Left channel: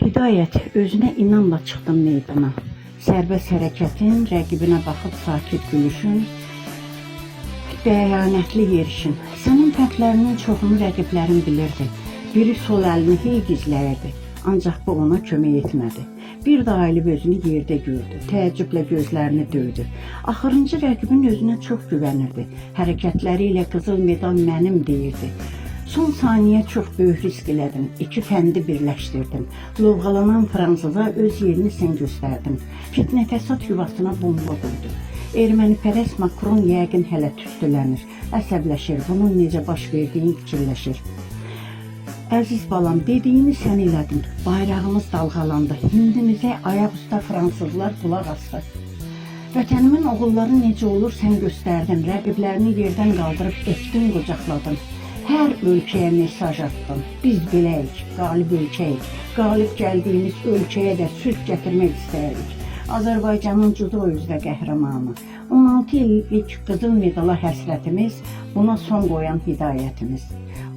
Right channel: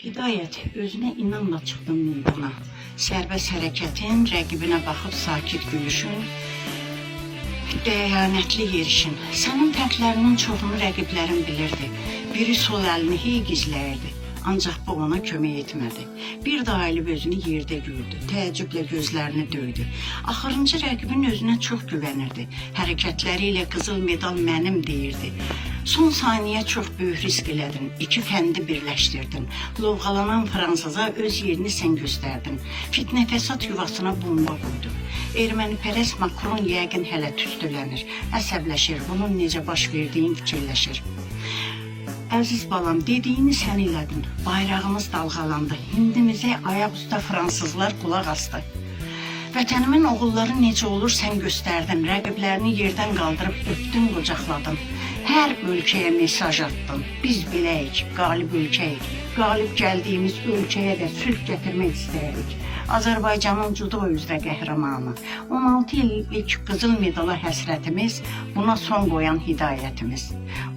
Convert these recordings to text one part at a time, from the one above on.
Hidayət, özünə inanla çıxdın meydana. Sərbəst hərəkətin, rəqibinə baxıb sakit gülüşün, dəyanətli yerişin. Sənin fərqlərinin çoxunu rəqiblərin bilirdi. Biri sol əlini hey gizləyirdi. Ancaq bu ona kömək etmədi. Bir də ayılıb özünü yerdə gördü. Təəccüblə gözlərini döydü. Axırıncı rəqibin özünə çox güvənirdi. Hərəkətləri ilə qızıl medal mənim deyirdi. Son saniyə çox böyük risk elədin. İki fəndi birləşdirdin. Lovğalanan Fransıza öz yerini sən göstərdin. Fitnə fəsad yuvasına bomba qoydun. Ermənipərəst Makron yəqin hələ tüstülənir. Əsəbləşir, bunun necə baş verdiyin fikirləşir. Əziz balam, dediyini sən elədin. Bayrağımız dalğalandı. Hindimizə ayaq üstə fransızlar qulaq astı. Vətənimin oğulları necə olur sən göstərdin. Rəqiblərini yerdən qaldırıb öpdün, qucaqladın. Hər ölkəyə mesaj attın. Biz beləyik, qalib ölkəyik. Qalib gəldiyimiz ölkəyə də sülh gətirmək istəyirik. Azərbaycanın judo üzrə qəhrəmanı. 16 illik qızıl medala həsrətimiz, buna son qoyan hidayətimiz.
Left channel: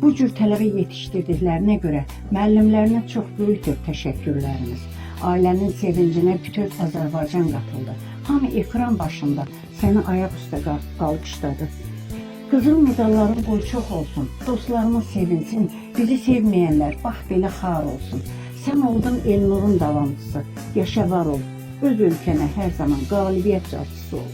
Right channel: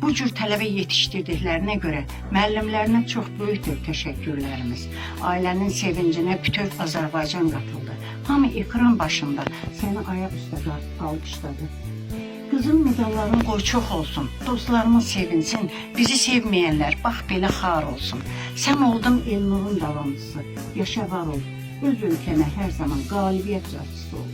Bu cür tələbə yetişdirdiklərinə görə müəllimlərinə çox böyükdür təşəkkürlərimiz. Ailənin sevincinə bütöv Azərbaycan qatıldı. Hamı ekran başında səni ayaq üstə qalqışladı. Qızıl medalların qoy çox olsun, dostlarımız sevinsin, bizi sevməyənlər bax belə xar olsun. Sən oldun Elnurun davamçısı, yaşa var ol, öz ölkənə hər zaman qalibiyyət carçısı ol.